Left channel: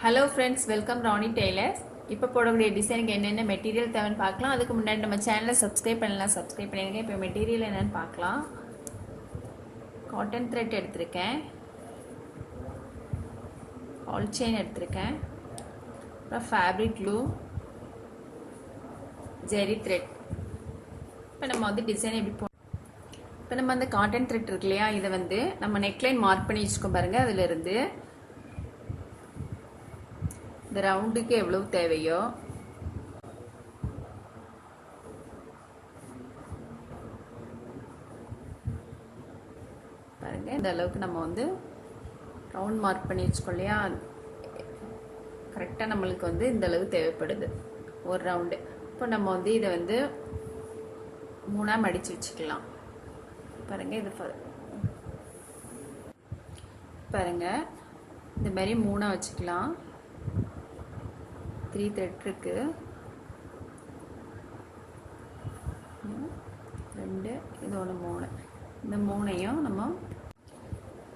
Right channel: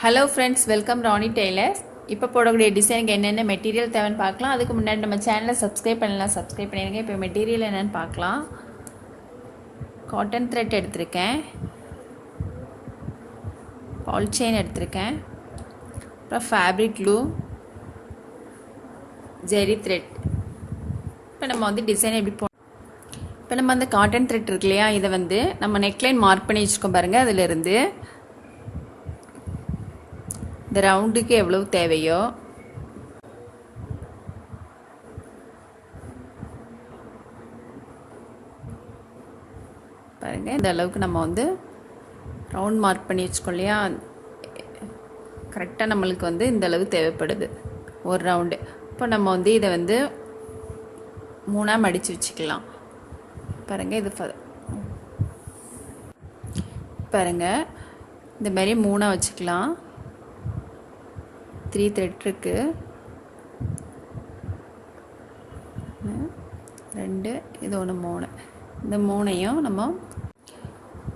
Hello friends, welcome ராணி tailors. இப்போ போடக்கூடிய டிசைனுக்கு என்னென்ன மெட்டீரியல் தேவைன்னு பார்க்கலாம். அதுக்கு முன்னாடி நம்ம சேனலை சப்ஸ்கிரைப் பண்ணிடுங்க. இப்போ மெட்டீரியல் என்னென்னு பார்க்கலாம். காட்டன் த்ரெட் எடுத்திருக்கேன், பால் செயின் எடுத்திருக்கேன், அப்புறம் ஃபேப்ரிக் க்ளூ, ஜெரி த்ரெட். இப்போ நம்ம டிசைன் எப்படி இப்போ நம்ம காட்டன் த்ரெட் இருக்கு இல்லையா, இதை நம்ம நெக்லைன் மார்க் பண்ணி வச்சுருக்கோம் பாருங்கள். அதிலிருந்து இந்த ரவுண்டுக்கு எவ்வளவு தேவையோ பாருங்க, இந்த அளவுக்கு நம்ம ரவுண்ட் மார்க் பண்ணி வச்சுக்கோம் இல்லையா, கரெக்டாக நம்மளுக்கு இந்த அளவு தேவைப்படுது ஒரு ரவுண்டு. இப்போ நம்ம இதை மூணாக மடித்து வச்சுக்கலாம். பாருங்கள், இது பாருங்கள், இந்த மாதிரி மூணாக வச்சுக்கலாம். 3 த்ரெட் இருக்கு, 2 இது 1 3. இந்த மூணையும் நம்ம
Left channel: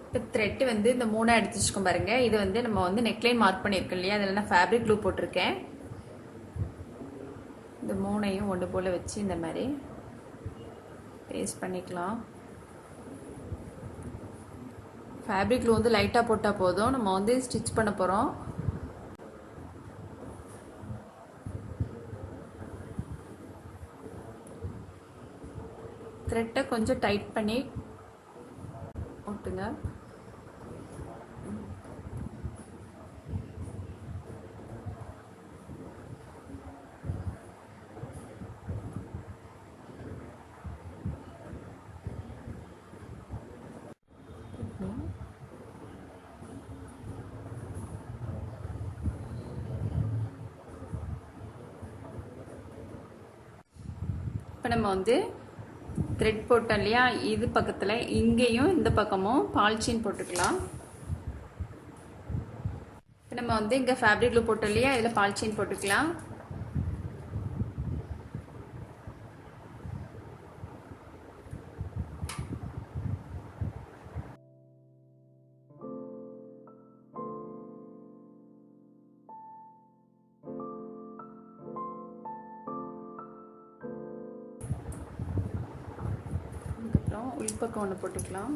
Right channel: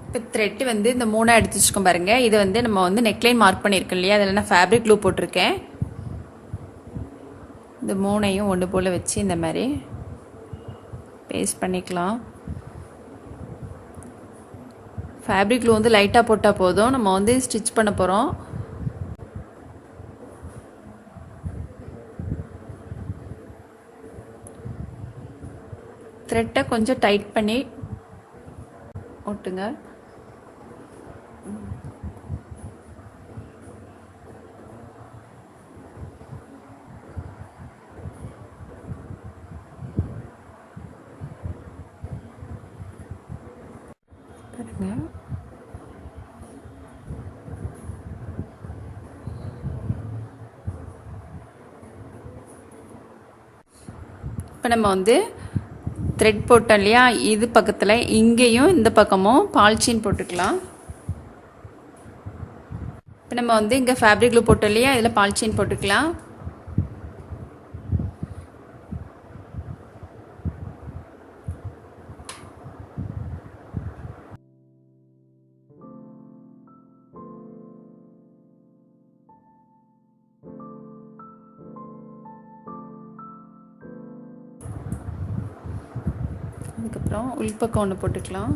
இப்போ த்ரெட்டு இந்த மூணாக எடுத்து வச்சுக்கோம் பாருங்கள். இது நம்ம நெக்லைன் மார்க் பண்ணியிருக்கோம் இல்லையா, அதில் நான் ஃபேப்ரிக் க்ளூ போட்டிருக்கேன். இந்த மூணையும் ஒன்று போல் வச்சு இந்த மாதிரி பேஸ்ட் பண்ணிக்கலாம். ஃபேப்ரிக் க்ளூ லைட்டாக போட்டால் போதும். நம்ம ஸ்டிச் பண்ண போகிறோம். த்ரெட்டை கொஞ்சம் டைட் பண்ணி ஒட்டுங்க. பாருங்க, இப்போ நம்ம த்ரெட் போட்டோம் இல்லையா, இது பக்கத்தில் இங்கேயும் இந்த பக்கமும் பால்சீன் போட்டுக்கலாம். இப்போ நம்ம இங்கே ஃபேப்ரிக் க்ளூ போட்டோம் இல்லையா, இதில் பால்சீன் போட்டுக்கலாம். அதுக்கப்புறம் உள்பக்கம் ஒன்று போட்டுக்கலாம்.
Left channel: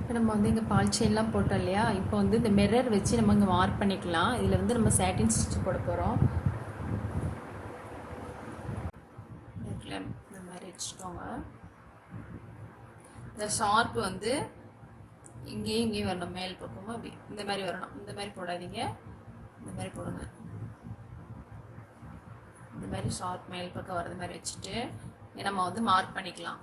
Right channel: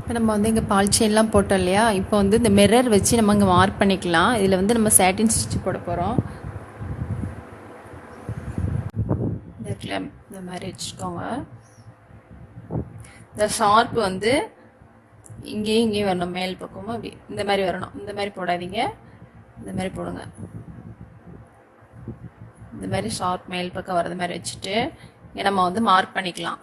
இப்போ நம்ம இங்கே பால் செயின்லாம் போட்டோம் இல்லையா, இப்போ இந்த மிரர் வச்சு நம்ம இங்கே மார்க் பண்ணிக்கலாம். இதில் நம்ம சாட்டின் ஸ்டிச் போட போகிறோம். இந்த மாதிரி வச்சுக்கோங்க. இந்த ஷார்ப் இங்கேயும் இங்கேயும் வரணும், மேல் பக்கமும் அப்படி இந்த மாதிரி வரணும். இந்த மாதிரி போடாதீங்க, இந்த மாதிரி போடுங்க. இந்த மாதிரி ஷார்ப் மேல் பக்கம் வர்றது மாதிரி வச்சுட்டு இங்கே நம்ம மார்க் பண்ணிக்கலாம்.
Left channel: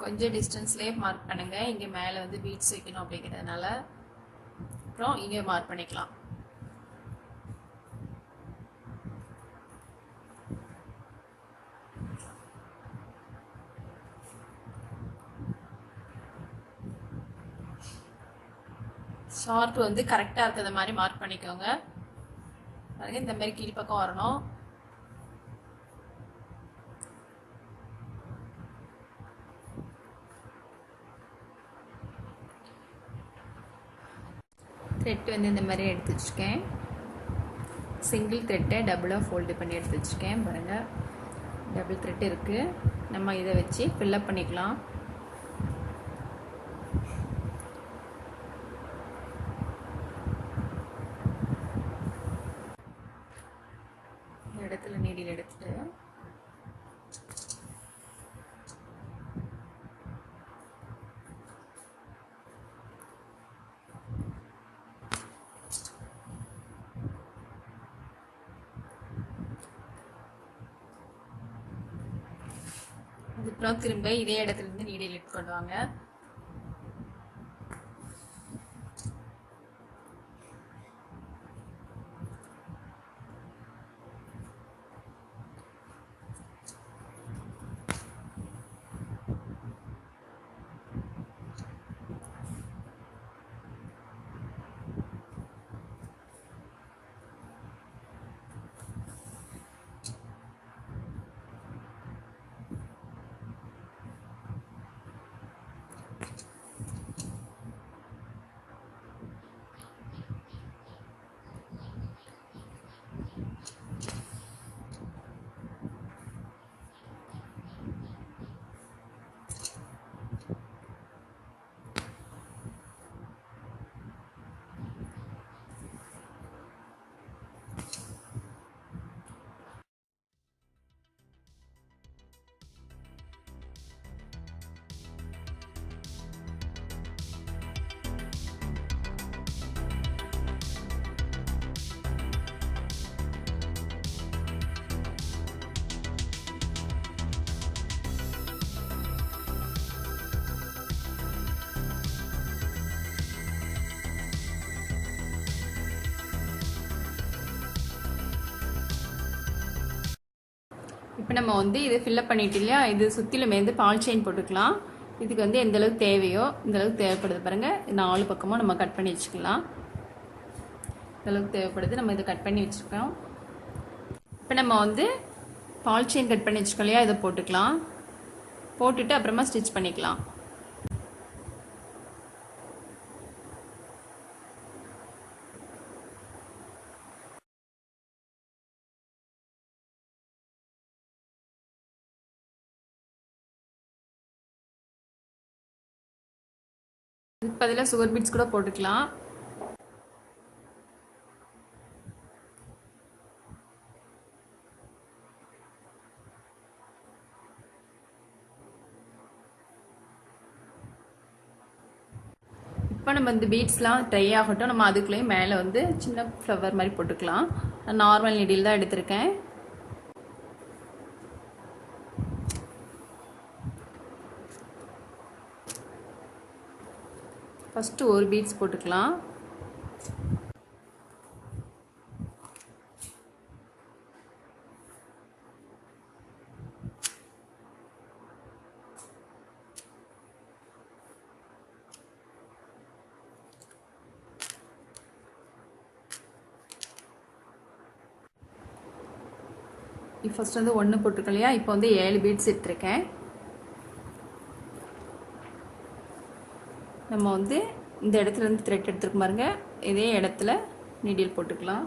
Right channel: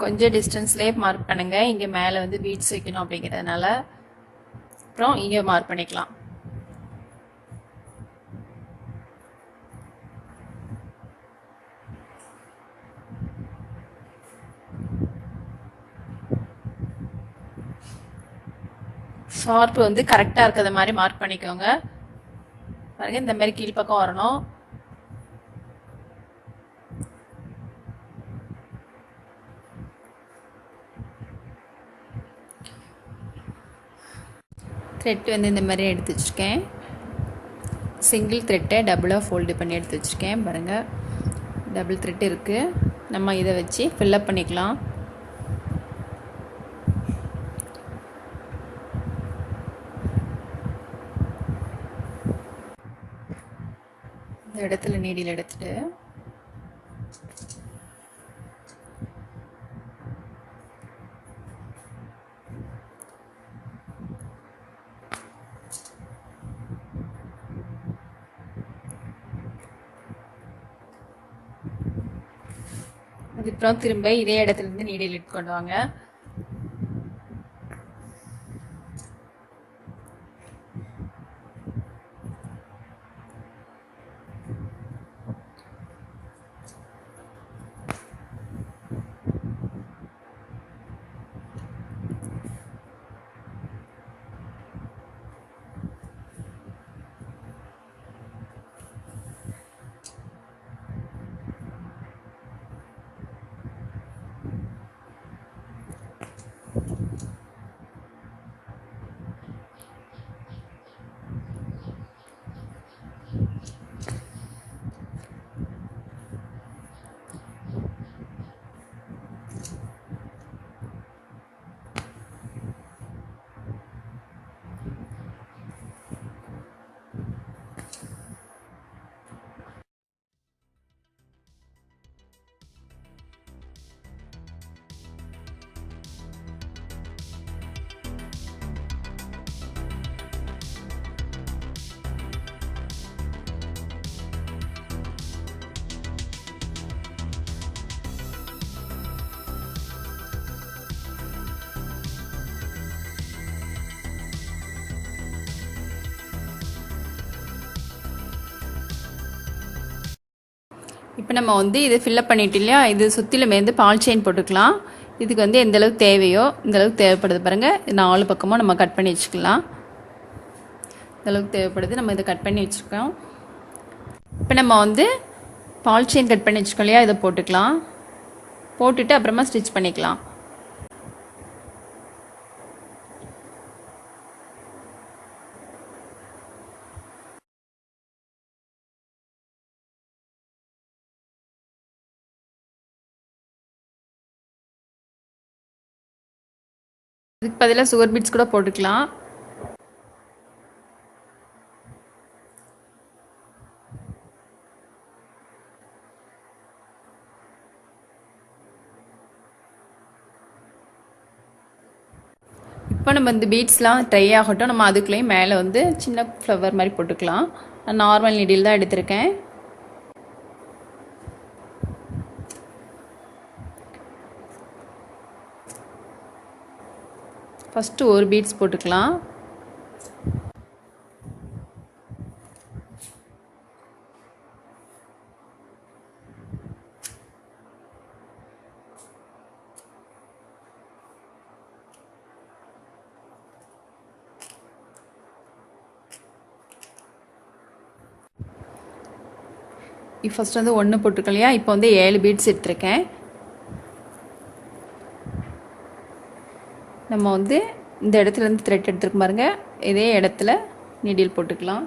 கொஞ்சம் டிஸ்டன்ஸ்லேயே மார்க் பண்ணுங்க. இங்கே மேலே பீட்ஸ் வைக்கணும் அப்படிங்கிறதுனால. அப்புறம் இங்கே மார்க் பண்ணிக்கலாம். ஷார்ப் கரெக்டாக இருக்கிற மாதிரி மார்க் பண்ணிக்கோங்க. பாருங்க, இந்த மாதிரி கீழ்ப்பக்கம் வரணும். த்ரெட் இந்த மாதிரி எடுத்து வச்சுருக்கேன். சிங்கிள் த்ரெட்டை டபுளாக ஃபோல்டு பண்ணி எடுத்து வச்சுருக்கேன். பாருங்கள், டபுள் த்ரெட் இருக்குது. நம்ம இதை வச்சு ஃபில்லப் பண்ணிக்கலாம். இந்த இடத்துல நீடில் எடுத்துட்டு அதுக்கப்புறம் திரும்ப இதே இடத்துல இருந்து நீடில் எடுத்துக்கொண்டு வாங்க. இப்போ நம்ம வந்து இது ஃபில்லப் பண்ணிட்டு இல்லையா, இது சுற்றிலுமே வந்து பால் செயின் போட்டுக்கலாம். இதுக்கு வந்து எந்த அளவுக்கு தேவையோ இந்த அளவுக்கு தேவைப்படுது பாருங்கள். 4 பக்கமும் நம்ம கட் பண்ணி வச்சுக்கலாம். இந்த அளவுக்கு தேவைப்படுது, நம்ம இதை கட் பண்ணி வச்சுருக்கோம். இப்போ நம்ம வந்து பால் செயின் கட் பண்ணி வச்சுக்கோம் இல்லையா, இதை போட்டுக்கலாம். போட்டுட்டு அப்புறமா ஸ்டிச் பண்ணிக்கலாம். இதுக்கு பதிலாக சுகர் பீட்ஸ் கூட போட்டுக்கலாம். இப்போ நம்ம இந்த பீட்ஸ்லாம் ட்ரை ஆகட்டும். நம்ம அதுக்குள்ளேயும் மேலே வந்து சின்ன ஃப்ளவர் மாதிரி போட்டுக்கலாம். நான் நார்மல் நீடில் தான் எடுத்திருக்கேன். ஃபஸ்ட்டு ஒரு பீட்ஸ் போட்டுக்கலாம். ஃபஸ்ட் வந்து 1 போட்டிருக்கோம் இல்லையா, இப்போ வந்து 7 பீட்ஸ் எடுத்திருக்கேன். நம்ம வந்து இந்த இடத்துல இருந்து த்ரெட் எடுத்துருக்கு பாருங்க, இதே இடத்துல நீடில் போட்டுக்கலாம்.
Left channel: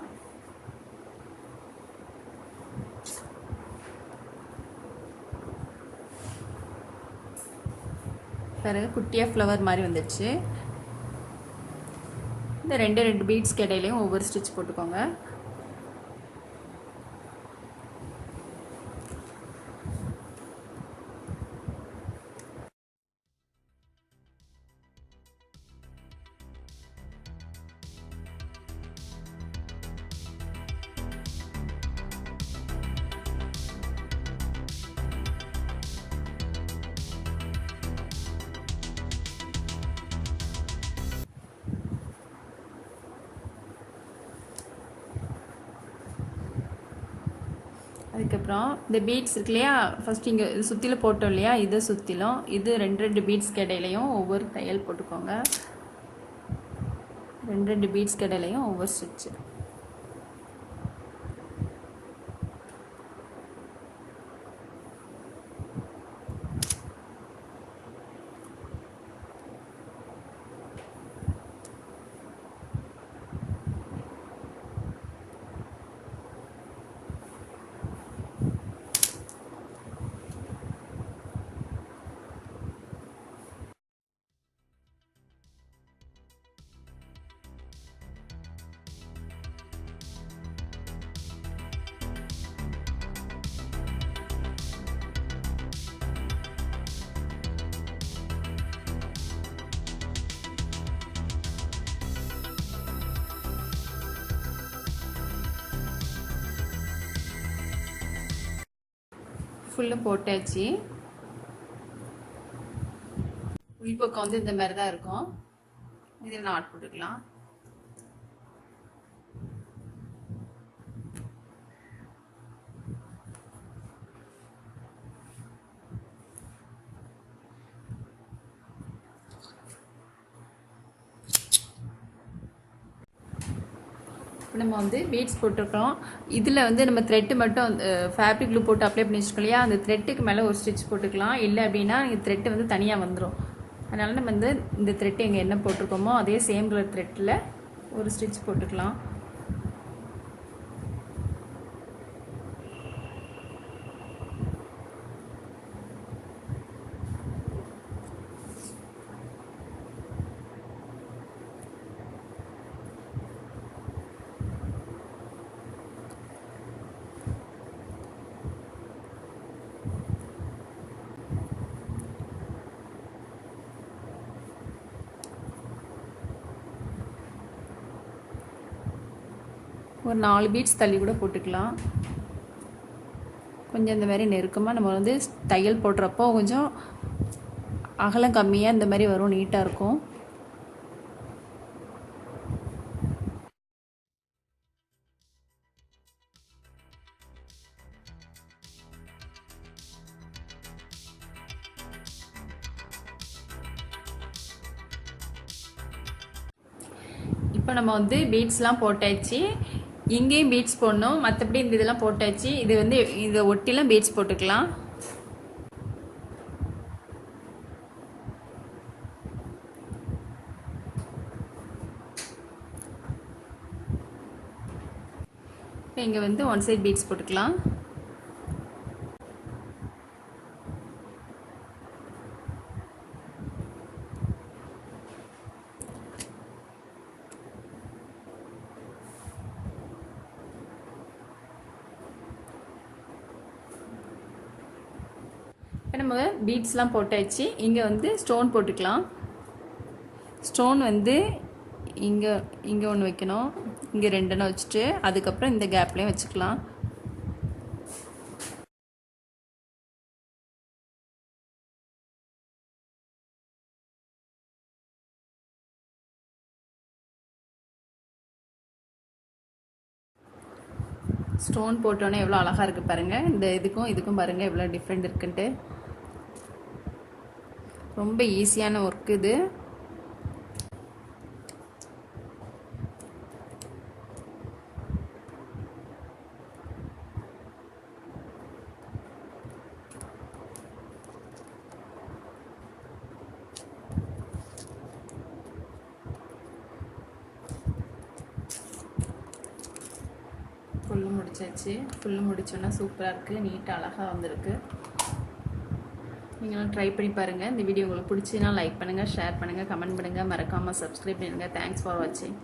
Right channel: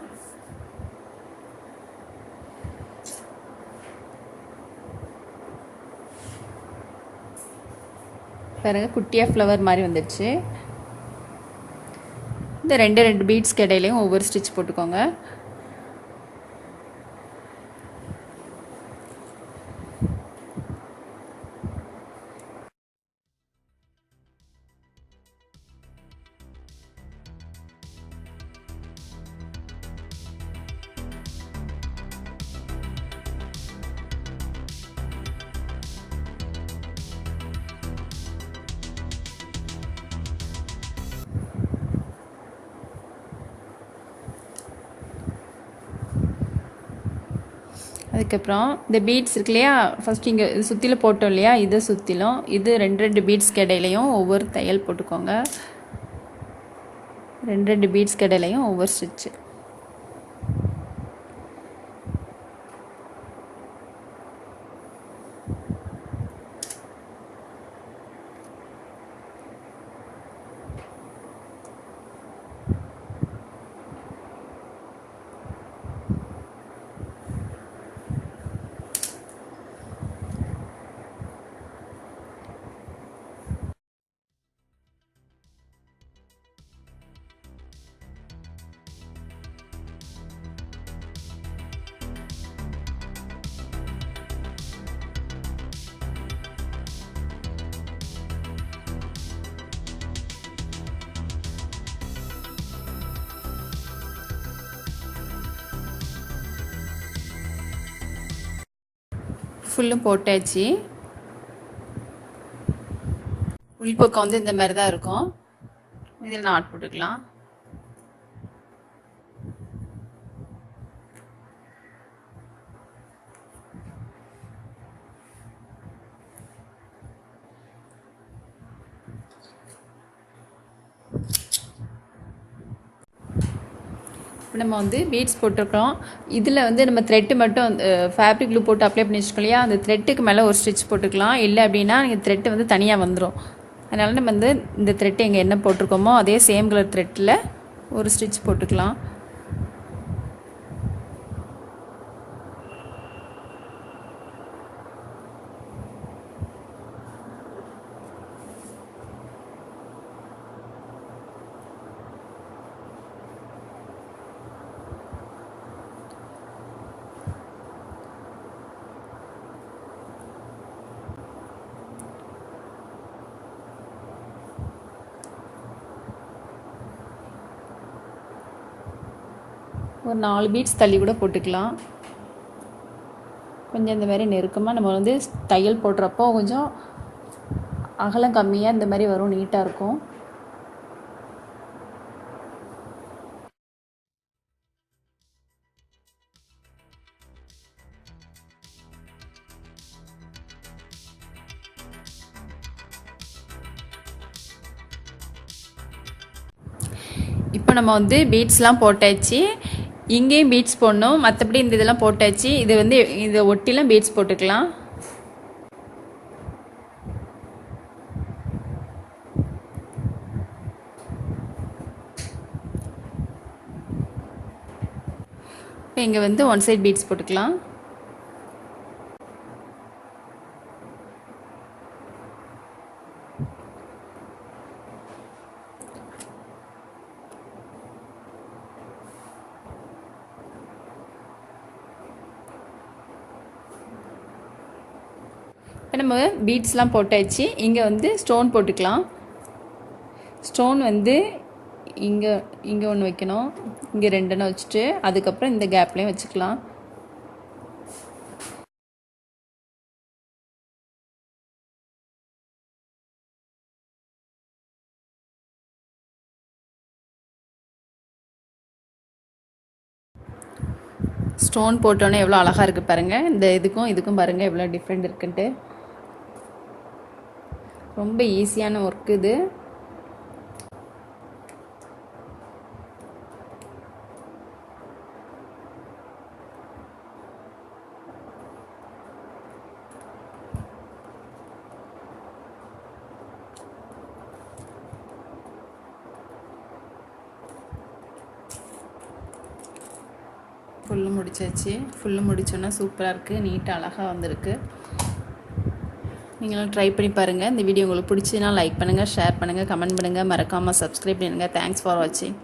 பாருங்க, குட்டியாக ஃப்ளவர் மாதிரி வந்துடுச்சு. இந்த 2 பீட்ஸ்க்கு இடையிலையும் ஒவ்வொரு ஸ்டிச் போட்டுக்கோங்க. அதுக்கப்புறம் இந்த பீட்ஸ் இருக்கு இல்லையா, ஃபஸ்ட் இங்கே சுற்றிலும் போட்டோம் இல்லையா, இதை சுற்றிலும் இது 2 பீட்ஸ்க்கு இடையிலையும் ஒவ்வொரு தையல் போட்டுக்கோங்க. 2 பீட்ஸ்க்கு இடையிலையும் ஒவ்வொரு ஸ்டிச்சு. ஃபுல்லும் போட்டாச்சு. உள்பக்கம் வந்து இந்த மாதிரி தான் இருக்கும். இதில் நாட் போட்டுக்கலாம். இப்போ நம்ம வந்து பீட்ஸ் போட்டிருக்கோம். இதில் வந்து நம்ம த்ரெட்டு மட்டும் ஃபேப்ரிக் க்ளூ போட்டு அப்ளை பண்ணி வச்சுக்கோம் இல்லையா, அந்த த்ரெட்டுக்கு மேலே ஒரு ஸ்டிச் போட்டுக்கலாம். இல்லை அப்படின்னா நீங்கள் த்ரெட்டு வந்து தனியாக வந்துடும். அதனால் நம்ம வந்து இந்த த்ரெட்டு எங்கே என்ன போட்டிருக்கோமோ அதே சேம் கலர் த்ரெட்டில் ஒரு ஸ்டிச் போட்டுக்கலாம். ஒரு 4 பீட்ஸ் தள்ளி கூட போட்டுக்கலாம். கொஞ்சம் இந்த மாதிரி நெருக்கமாக நம்ம வந்து தையல் போடுறப்போ கொஞ்சம் அகலம் கம்மியாக இந்த மாதிரி வரும், நீட்டாக இருக்கும். இப்போ நம்ம வந்து பீட்ஸ்லாம் போட்டாச்சு. இங்கேயும் பீட்ஸ் போடணும், மற்றபடி இந்த இதெல்லாம் போட்டாச்சு. இது வந்து இதை ஒட்டிலாம் பீட்ஸ் போட்டுக்கலாம். இப்போ இங்கே வந்து ஒன் சைட் பீட்ஸ் போட்டுக்கலாம். இப்போ நம்ம பீட்ஸ்லாம் போட்டாச்சு. இங்கே வந்து ஸ்டோன் போட்டுக்கலாம். ஸ்டோன் வந்து இங்கே இங்கே ஒன்று வைக்கணும், இங்கே 2 வச்சுட்டு அதுக்கப்புறம் இந்த கேப்லேயும் வச்சுக்கலாம். ஸ்டோன் போட்டோன்னே எவ்வளோ அழகாக இருக்குது பாருங்கள். இந்த இதுக்கும் பாருங்கள் எவ்வளோ டிஃப்ரெண்ட் இருக்குன்ட்டு. ரொம்ப ஈஸியான ஒர்க் இது. ஃபுல்லு முடிச்சாச்சு. ஃபுல்லு முடிச்சோன்னா சூப்பராக இருக்குது, நீட்டாக அழகாக வந்திருக்கு. நீங்களும் ட்ரை பண்ணி பாருங்கள். இந்த வீடியோ உங்களுக்கு பிடிச்சதுன்னா லைக் பண்ணுங்கள், ஷேர் பண்ணுங்கள், கமெண்ட் பண்ணுங்கள், மறக்காமல் சப்ஸ்கிரைப் பண்ணுங்கள். தேங்க்ஸ் ஃபார் வாட்சிங்.